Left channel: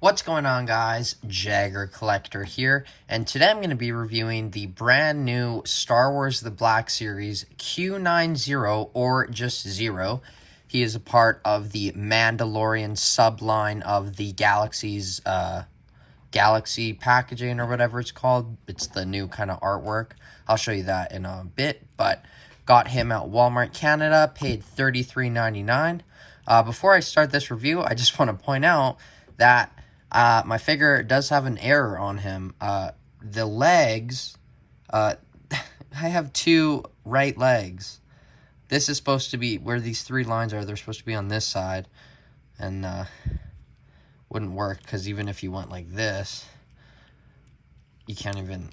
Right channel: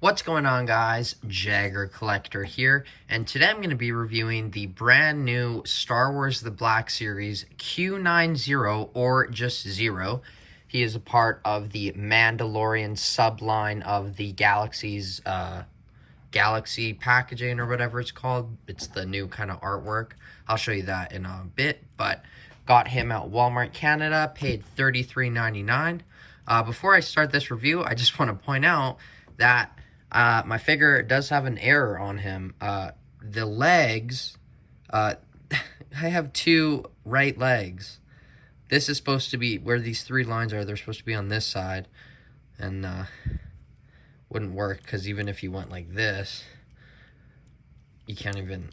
What's going on, guys? Jagger Collector here, and today I'm going to be reviewing the brand new Star Wars The Black Series Q9-0, or just 0. He is a part of the Mandalorian subline of the Galaxy packaging, or whatever it's called. It's the new kind of artwork. I'll show you that in a bit, but got him at Walmart Canada, paid $33.99. Before I start this review, I just want to point out that my figure does have an error on him. The legs, I have two right legs. This is supposed to be where these three lines are. They're supposed to be on this side, and wouldn't work because even if you went like this, you can't even.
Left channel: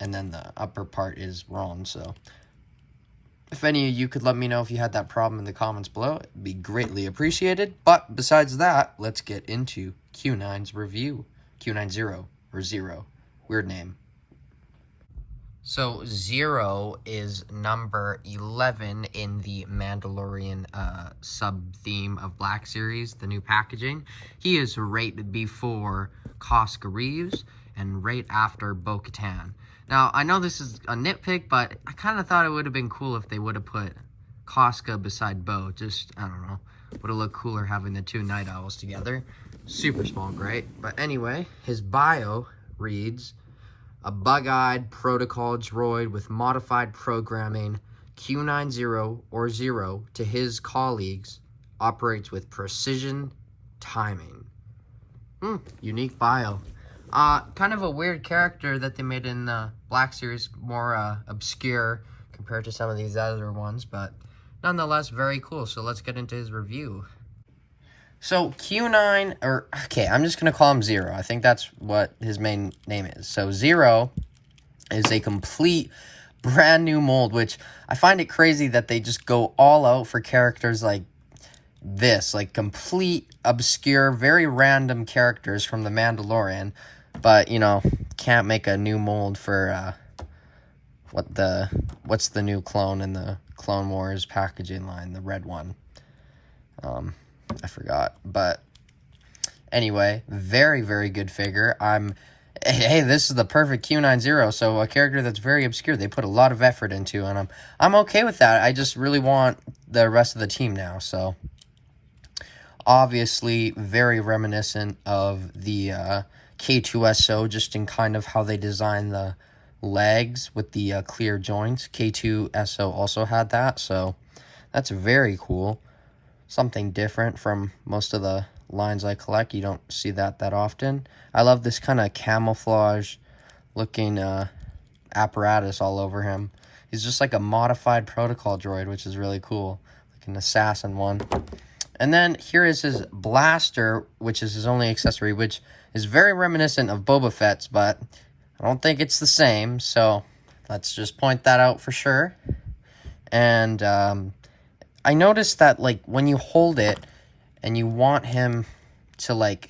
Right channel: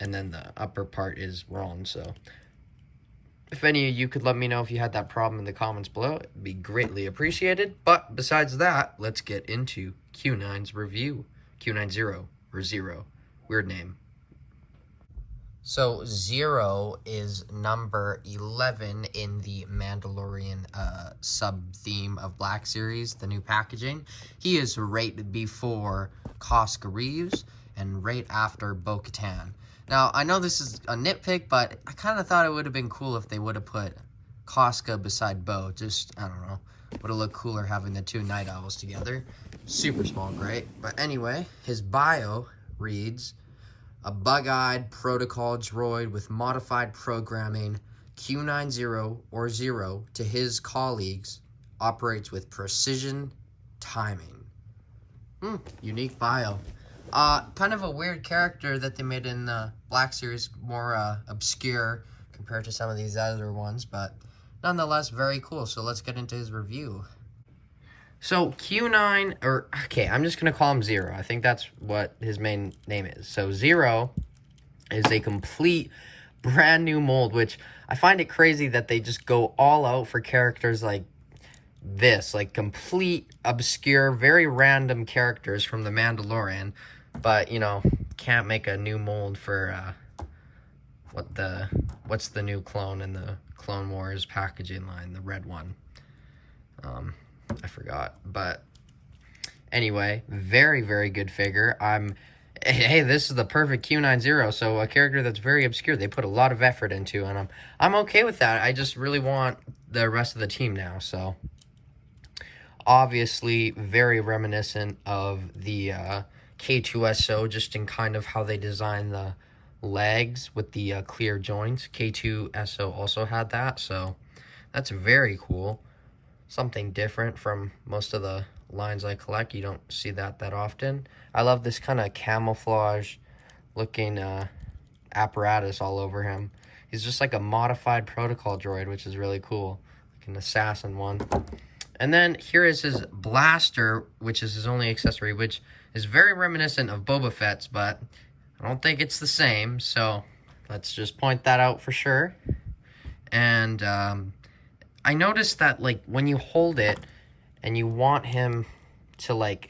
And then the upper part is wrong. So, if any of you could let me know if you had that problem in the comments below, it'd be greatly appreciated. But besides that, let's get into Q9's review. Q9-0, or 0. Weird name. So, 0 is number 11 in the Mandalorian sub-theme of Black Series, the new packaging. He is right before Koska Reeves and right after Bo-Katan. Now, I know this is a nitpick, but I kind of thought it would have been cool if they would have put Koska beside Bo. Just, I don't know, would have looked cooler having the two Night Owls together. Super small, great. But anyway, his bio reads, a bug-eyed protocol droid with modified programming, Q9-0, or 0, to his colleagues, operates with precision timing. Unique bio. Kind of a weird character that they made in the Black Series, more obscure compared to some of these other ones, but nonetheless very cool. So let's get into his review. So Q9, okay, I'm just gonna call him 0. I think that's what his main name is. So 0 is a complete brand new mold, which I find it crazy that they just go all out for characters like this, like complete obscure, very random characters from the Mandalorian. But, you know, can't make a new mold for, what's the new clone in the Clone Wars packaging line, the red one. I forgot. But, anyway, very, very good figure. Hey, this is the perfect Q9-0, so a character that's very obscure, they put a lot of effort into, and I'm okay with that. I just really want the rest of the team now, so. Obviously, very reminiscent of the, K2-0, just in kind of how they design the legs with the clear joints. K2-0 also had that, so that's very cool. Something different from most of the lines I collect. You don't see that often. I love this kind of camouflage looking apparatus all over him. He's just like a modified protocol droid, which is really cool. Like an assassin one. And then here is his blaster, which is his only accessory, which is very reminiscent of Boba Fett's, but I don't think it's the same, so let's just point that out for sure. And I noticed that, like, when you hold it and you want him to, like,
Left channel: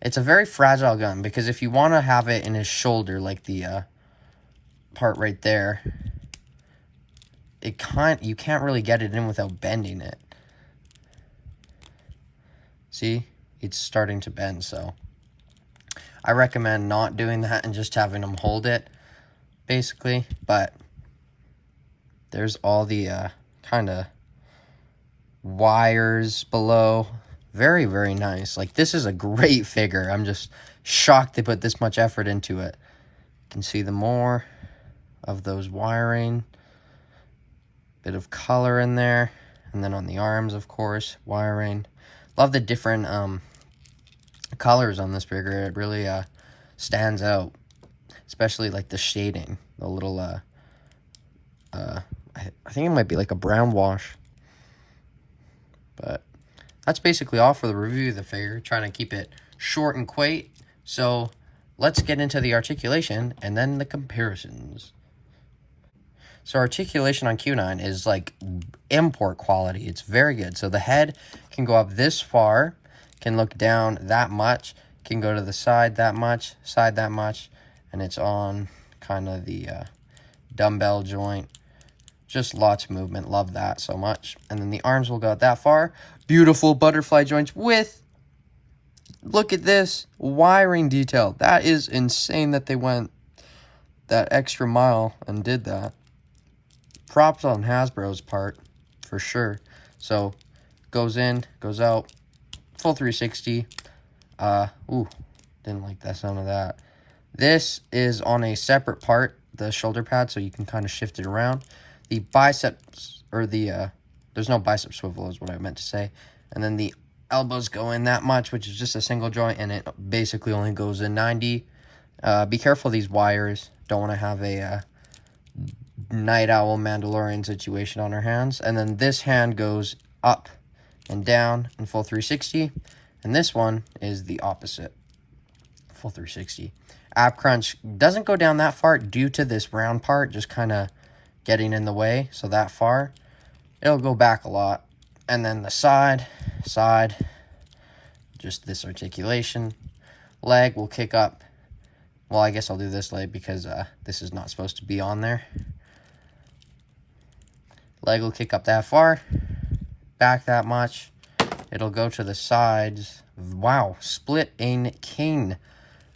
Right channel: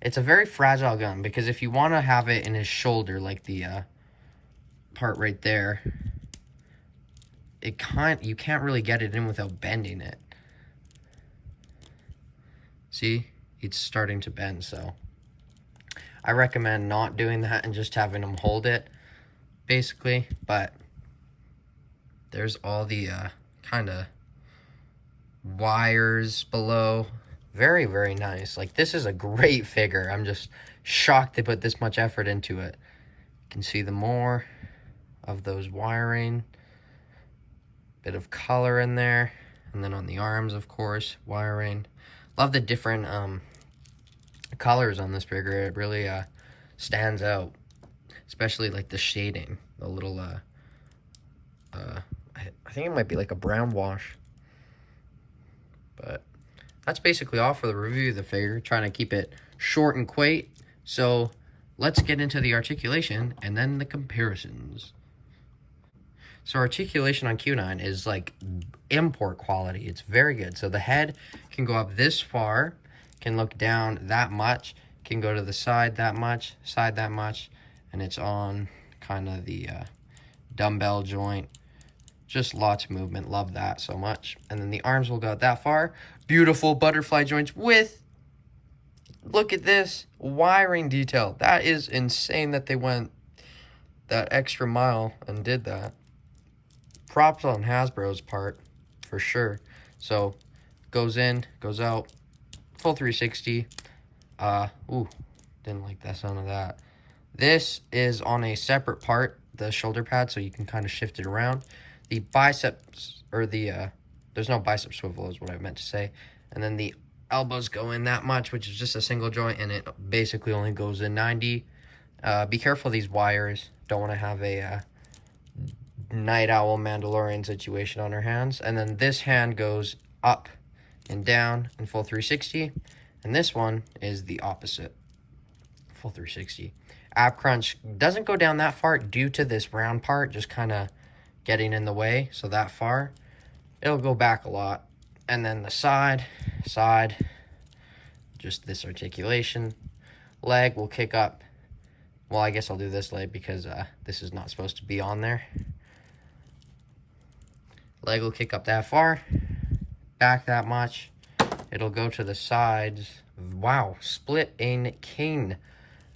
it's a very fragile gun, because if you want to have it in his shoulder, like the part right there, you can't really get it in without bending it. See? It's starting to bend, so I recommend not doing that and just having him hold it, basically. But there's all the kind of wires below. Very, very nice. Like, this is a great figure. I'm just shocked they put this much effort into it. You can see the more of those wiring. Bit of color in there. And then on the arms, of course, wiring. Love the different colors on this figure. It really stands out, especially like the shading, the little I think it might be like a brown wash. But that's basically all for the review of the figure, trying to keep it short and quaint. So let's get into the articulation and then the comparisons. So articulation on Q9 is like import quality. It's very good. So the head can go up this far, can look down that much, can go to the side that much, and it's on kind of the dumbbell joint. Just lots of movement. Love that so much. And then the arms will go that far. Beautiful butterfly joints with Look at this wiring detail. That is insane that they went that extra mile and did that. Props on Hasbro's part, for sure. So, goes in, goes out, full 360. Ooh, didn't like the sound of that. This is on a separate part, the shoulder pad, so you can kind of shift it around. The biceps, or the, there's no bicep swivel is what I meant to say. And then the elbows go in that much, which is just a single joint, and it basically only goes in 90. Be careful of these wires. Don't want to have a night owl Mandalorian situation on our hands. And then this hand goes up and down in full 360. And this one is the opposite, full 360. Ab crunch doesn't go down that far due to this round part just kind of getting in the way. So that far, it'll go back a lot. And then the side, just this articulation. Leg will kick up. Well, I guess I'll do this leg because this is not supposed to be on there. Leg will kick up that far, back that much. It'll go to the sides. Wow, split in cane.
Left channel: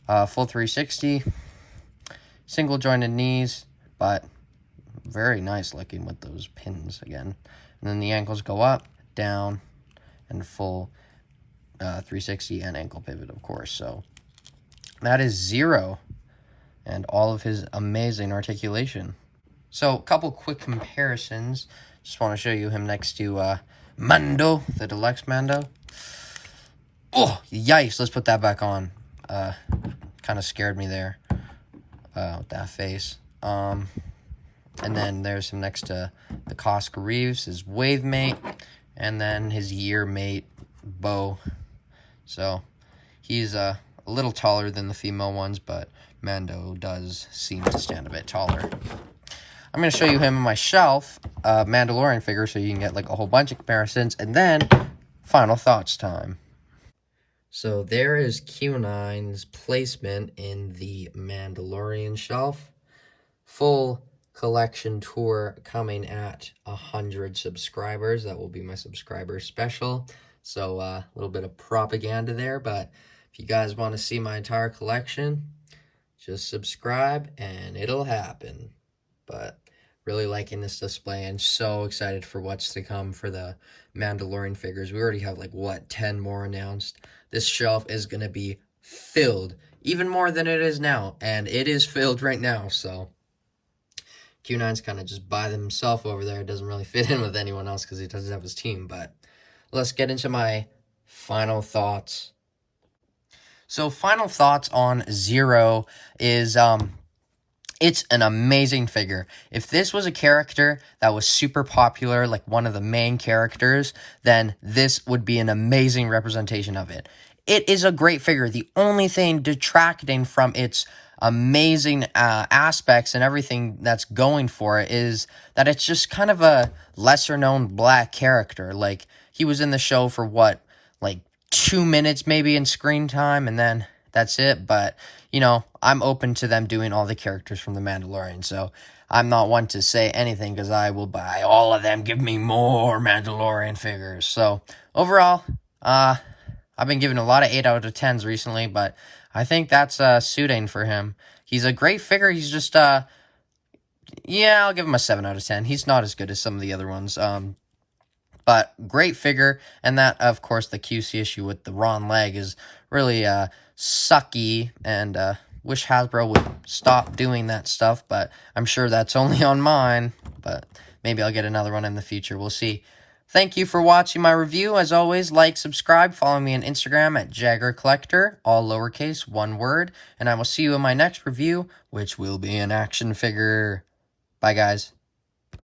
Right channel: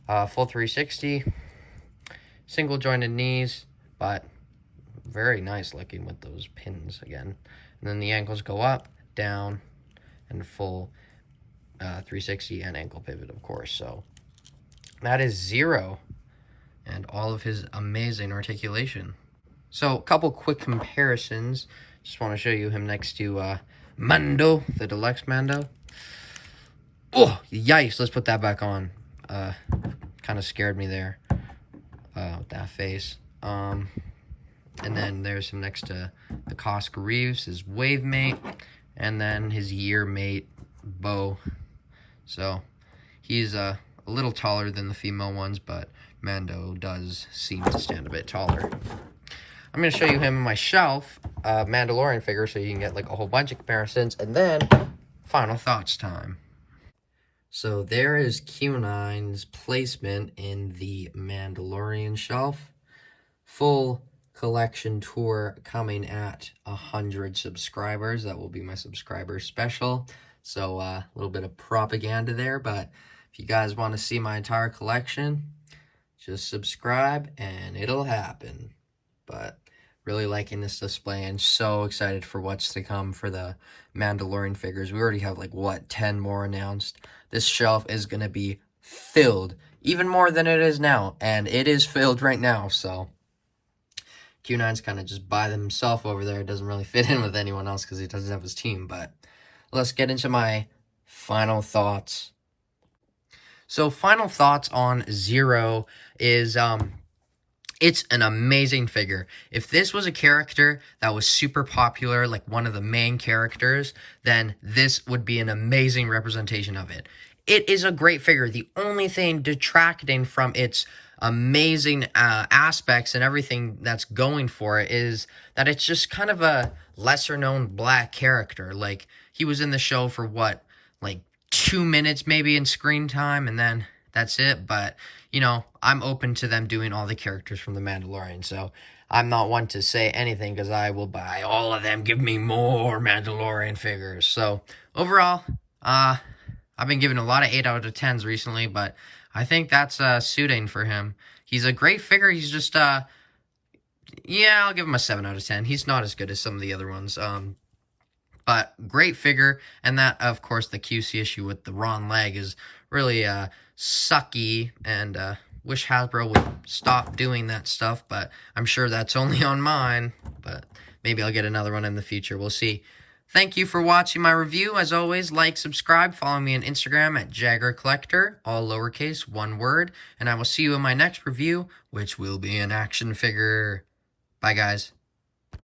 Full 360. Single jointed knees, but very nice looking with those pins again. And then the ankles go up, down, and full 360 and ankle pivot, of course. So that is 0 and all of his amazing articulation. So a couple quick comparisons. Just want to show you him next to Mando, the deluxe Mando. Oh, yikes. Let's put that back on. Kind of scared me there with that face. And then there's him next to the Cosca Reeves, his wave mate, and then his year mate, Bo. So he's a little taller than the female ones, but Mando does seem to stand a bit taller. I'm going to show you him on my shelf, Mandalorian figure, so you can get like a whole bunch of comparisons, and then final thoughts time. So there is Q9's placement in the Mandalorian shelf. Full collection tour coming at 100 subscribers. That will be my subscriber special. So a little bit of propaganda there, but if you guys want to see my entire collection, just subscribe and it'll happen. But really liking this display and so excited for what's to come for the Mandalorian figures. We already have like, what, 10 more announced. This shelf is going to be filled, even more than it is now. And it is filled right now, so Q9's kind of just by himself over there. It doesn't really fit in with anyone else because he doesn't have his team. But let's get into my final thoughts. So final thoughts on 0 is it's an amazing figure. If this was a character that was super popular, like one of the main characters, then this would be an amazing representation of it. It is a great figure. The only thing detracting from its amazing aspects and everything that's going for it is that it's just kind of a lesser known black character. Like, he was in the show for what, like 2 minutes maybe in screen time, and then that's it. But you know, I'm open to them doing all the characters from The Mandalorian, so I'm not one to say anything because I will buy all of them. Give me more Mandalorian figures. So overall, I've been giving a lot of 8 out of 10s recently, but I think that's suiting for him. He's a great figure. He's just, yeah, I'll give him a 7 out of 10. He's not as good as some of the other ones. But great figure. And that, of course, the QC issue with the Ron leg is really sucky, and wish Hasbro would stop doing that stuff, but I'm sure that's only on mine, but maybe I'll get another one in the future. We'll see. Thank you for watching my review. As always, like, subscribe, follow me on Instagram at Jagger Collector, all lowercase, one word, and I will see you in my next review, which will be an action figure. Bye, guys.